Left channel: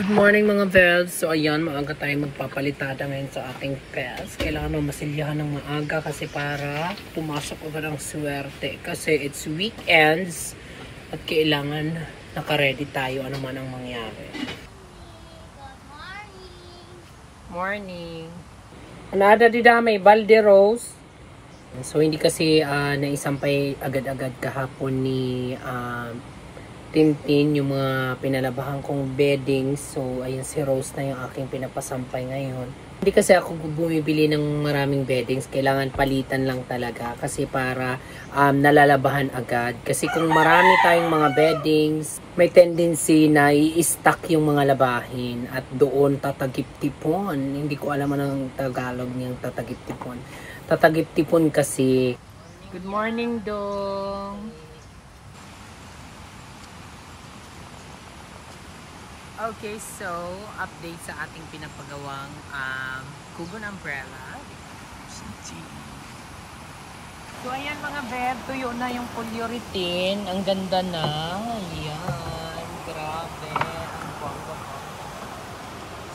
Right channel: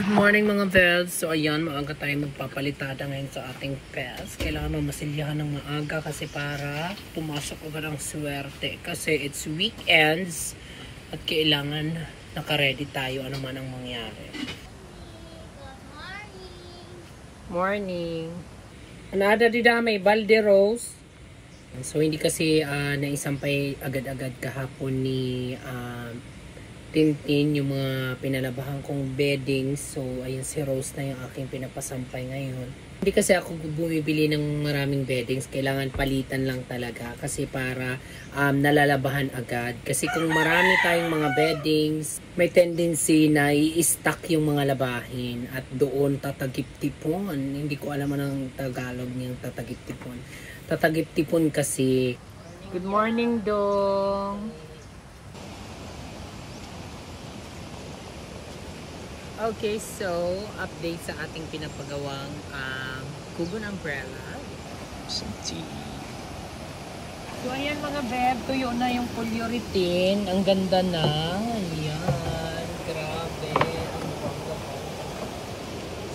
Good morning mga Vels. So ayan, maaga tayo magpapalitada ngayon sa ating pets. Kailangan mo masilyahan ng maaga kasi para pumasok agad ang swerte. Kasi it's weekends at kailangan naka-ready tayo ano man ang mangyari. Morning! Anada dida may balde rose. So hindi kasi naisampay agad-agad kahapon ni Tintin yung mga pinalabahan kong bedding. So ayun, si Rose na yung aking pinapasampay ngayon. Hindi kasi ako bumibili ng maraming beddings, kailangan palitan lang talaga kasi para nalalabahan agad. Kasi kung marami tayong mga beddings, may tendency na i-stack yung mga labahin at doon tatagip-tipon. Hindi ko alam anong Tagalog niyang tatagip-tipon. Tatagip-tipon kasi. Good morning, Dong! Okay, so update sa ating pinapagawang Kugon umbrella. So ayan mga beb, tuyo na yung polyurethane. Ang ganda na. Ayan, grabe. Ang bongga po.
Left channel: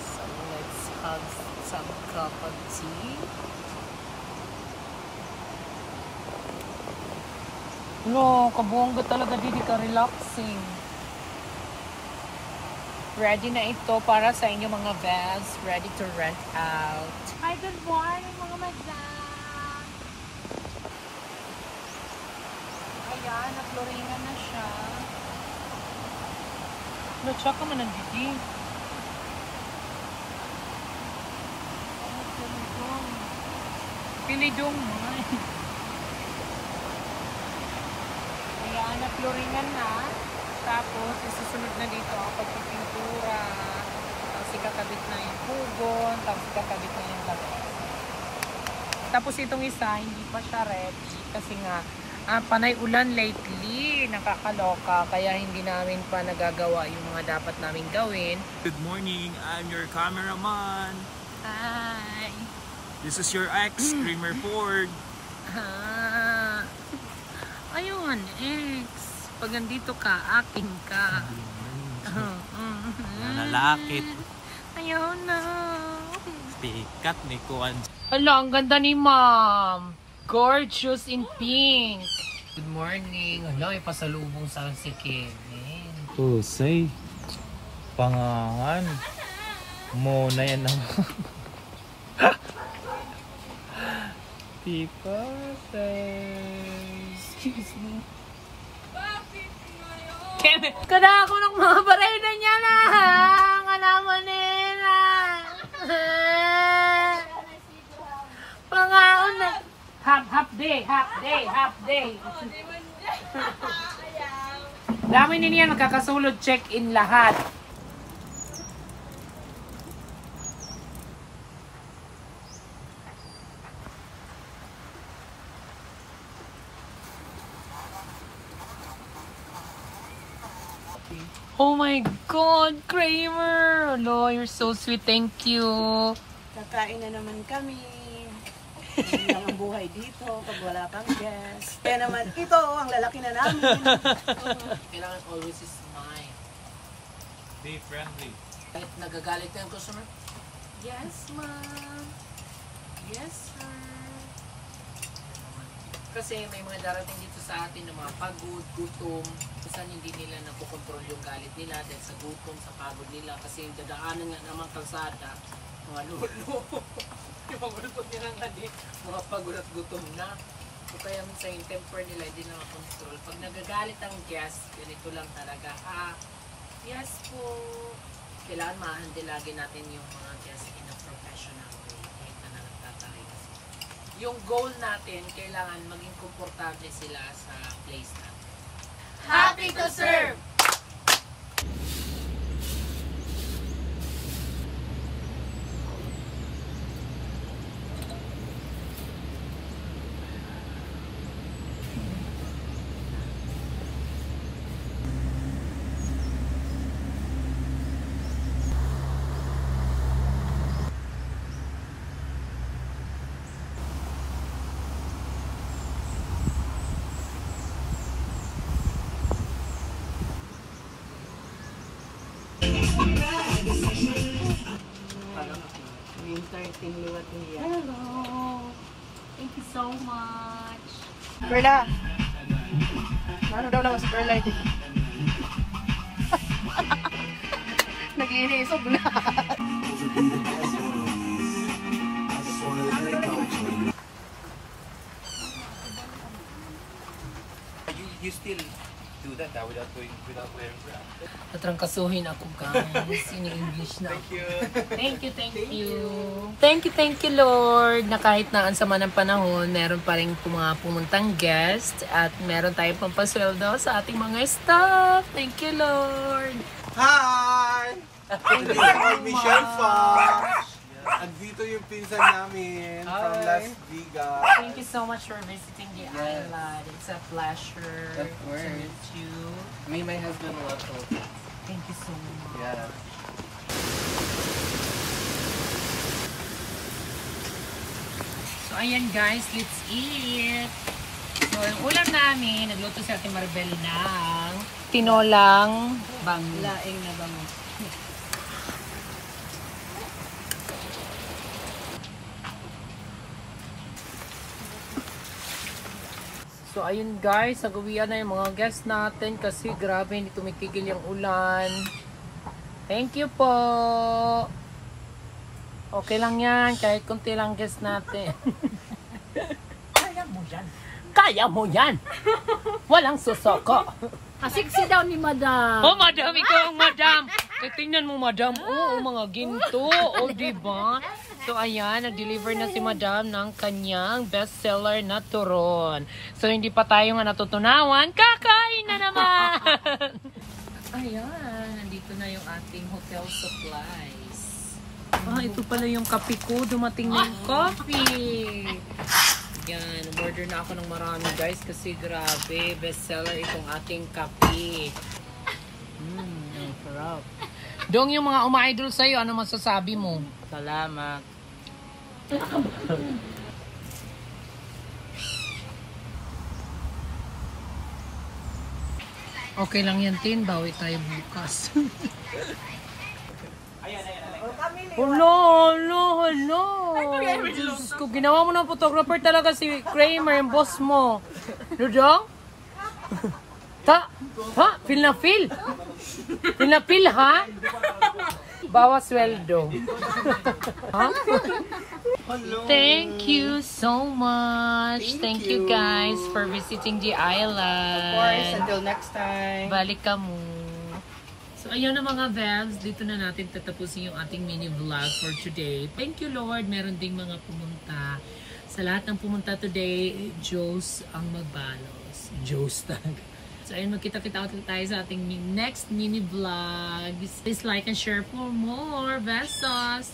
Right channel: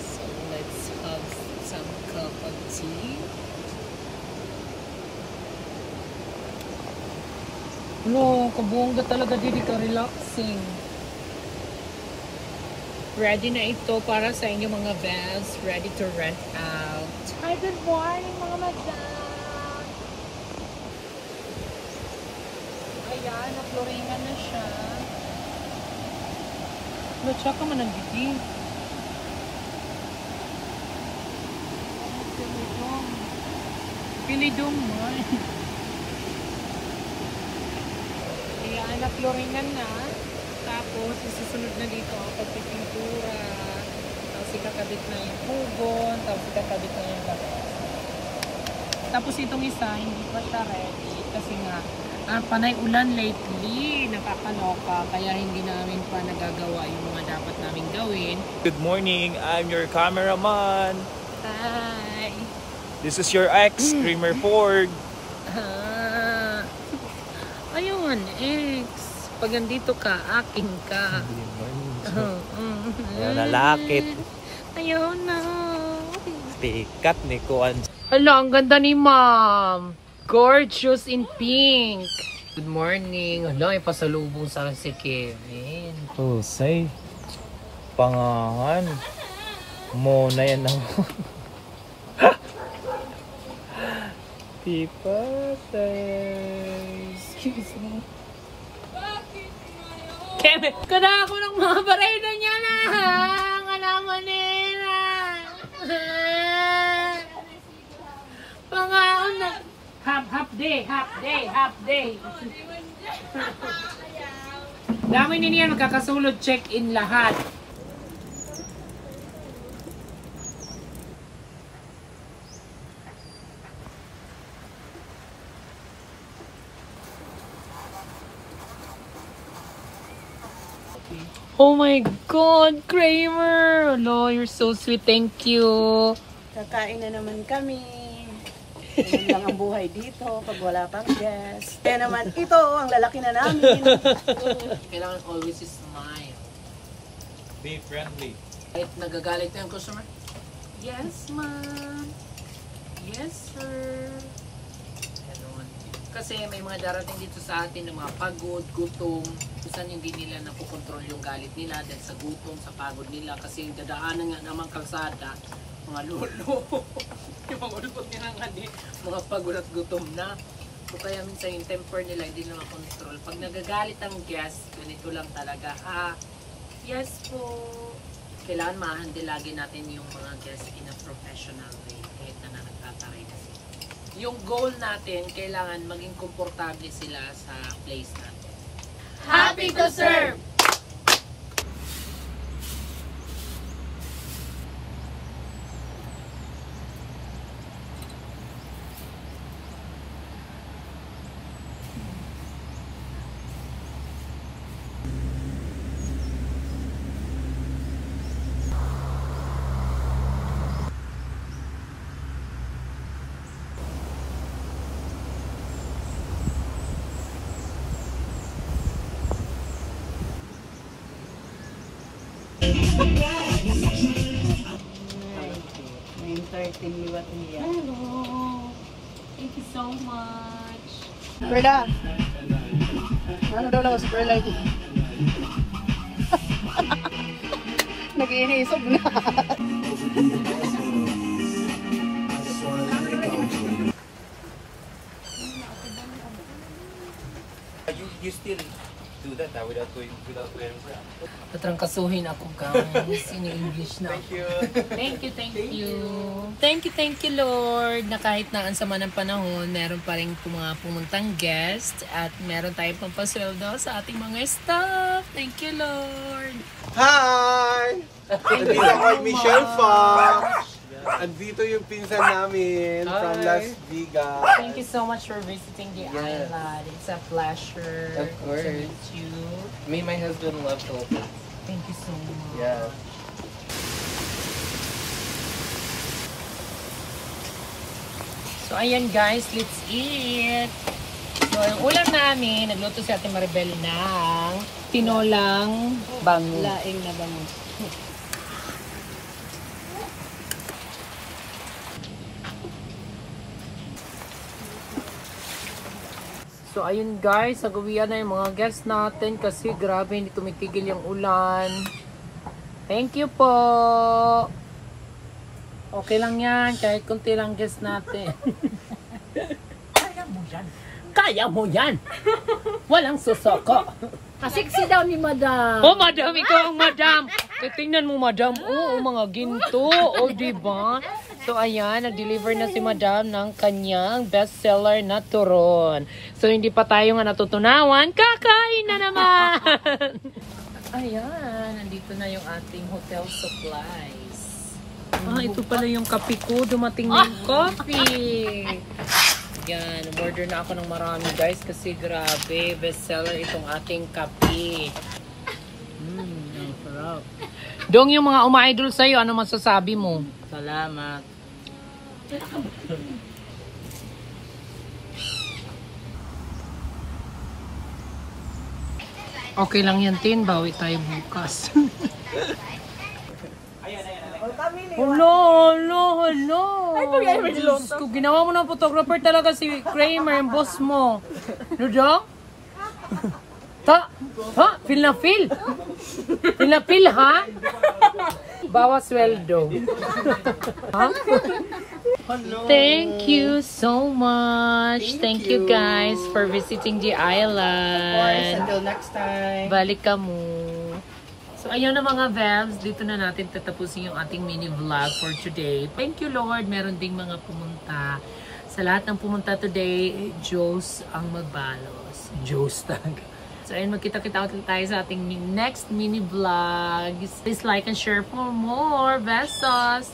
So let's have some cup of tea. No, kabongga talaga, didi ka relaxing. Ready na ito para sa inyo mga Vels. Ready to rent out. Hi, good morning mga madam. Ayan, na-floringan na siya. Natsa ka man ang didi. Pilidong mo. Ayan, na-floringan na. Tapos, susunod na dito ang pagpipintura. Tapos, ikakabit na yung kugon. Tapos, ikakabit na yung lahat. Tapos, itong isa, hindi pa siya ready. Kasi nga, panay ulan lately. Nakakaloka. Kaya, hindi namin pa nagagawa yung mga dapat namin gawin. Good morning. I'm your cameraman. Hi! This is your ex, Screamer Ford. Ayun, ex. Pag nandito ka, aking ka. Nalakit. Ayaw na. Stikat ni Kuan. Hala, ang ganda ni Ma'am. Gorgeous in pink. Good morning. Hala, ipasalubong sa si Kevin. Say, pangangan. Mo na yan ang... Excuse me. Kevin, kada ako ng mga barayda niya na. Alaman nila. Pangaon na. Half day. Dami niya magkakasulod check-in lahat. Oh my God, Kramer! No, you're so sweet. Thank you. Kakain na naman kami. Ganun lang ang buhay dito pag wala pang guest. Kaya naman, ito, ang lalaki na namin. Kailangan always smile. Be friendly. Kahit nagagalit na yung customer. Yes, ma'am. Yes, sir. Ganun. Kasi may mga darating dito sa atin ng mga pagod, gutom. Kusan hindi nila napokontrol yung galit nila dahil sa gutom, sa pagod nila. Kasi yung dadaanan nga naman kalsada, mga lolo. Yung mga ulpot nila nga di, mga pagod at gutom na. So kaya minsan yung temper nila hindi na makontrol. Pag nagagalit ang guest, ganito lang talaga. Yes po. Kailangan ma-handle lagi natin yung mga guests in a professional way. Kahit na nagtataray kasi. Yung goal natin, kailangan maging komportable sila sa place natin. Happy to serve! Hello. Thank you so much. Perla. Ano daw super light? Nag-iisog na. You still do that without wearing bra. Natrangkasuhin ako, guys. Ini-English na. Thank you. Thank you, thank you. Thank you, Lord, na kahit naan sama ng panahon, meron pa rin mga pumuntang guest at meron tayong pampasweldo sa ating mga staff. Thank you, Lord. Hi! Andito ako Michelle Fox. Andito yung pinsan namin from Las Vegas. Thank you so much for visiting the island. It's a pleasure Of course. to meet you. Me and my husband love Philippines. Thank you so much. Yes. So, ayan guys, let's eat. So, ang ulam namin, nagluto si Ate Maribel ng tinolang bango. Laing na bango. So, ayun guys, sagawian na yung mga guests natin kasi grabe, hindi tumitigil yung ulan. Thank you po. Okay lang yan, kahit konti lang guests natin. Kaya mo yan. Kaya mo yan. Walang susoko. Asiksi daw ni Madam. Oh, madam, ikaw ang madam. Tingnan mo, madam. Oo, mga ginto. O, diba? So, ayan, nag-deliver na si madam ng kanyang bestseller na turon. So, hindi pa tayo nga natutunawan. Kakain na naman! Ayan, nandito na yung ating hotel supplies. Ah, ito pala yung kape ko. Dumating na yung coffee. Yan, order na ako ng marami guys kasi grabe, bestseller itong ating kape. Ang sarap. Dong, yung mga uma-idol sa'yo, ano masasabi mo? Salamat. Okay lang yan, Tin. Bawi tayo bukas. Hello. Diyos ko, ginawa mo ng photographer talaga si Kramer, yung boss mo. Dudong? Ha? Feel na feel? Feel na feel, ha? Bawas sweldo. Ha? Thank you so much. Thank you guys for visiting the island. Of course, until next time. Balik ka mo. So, ayun na mga Vebs, dito na natin tatapusin yung ating mini vlog for today. Thank you, Lord. Meron ding mga pumunta. Sa lahat ng pumunta today, Diyos ang magbalos. Diyos talaga. So, ayun, magkita-kita ulit tayo sa ating next mini vlog. Please like and share for more. Besos!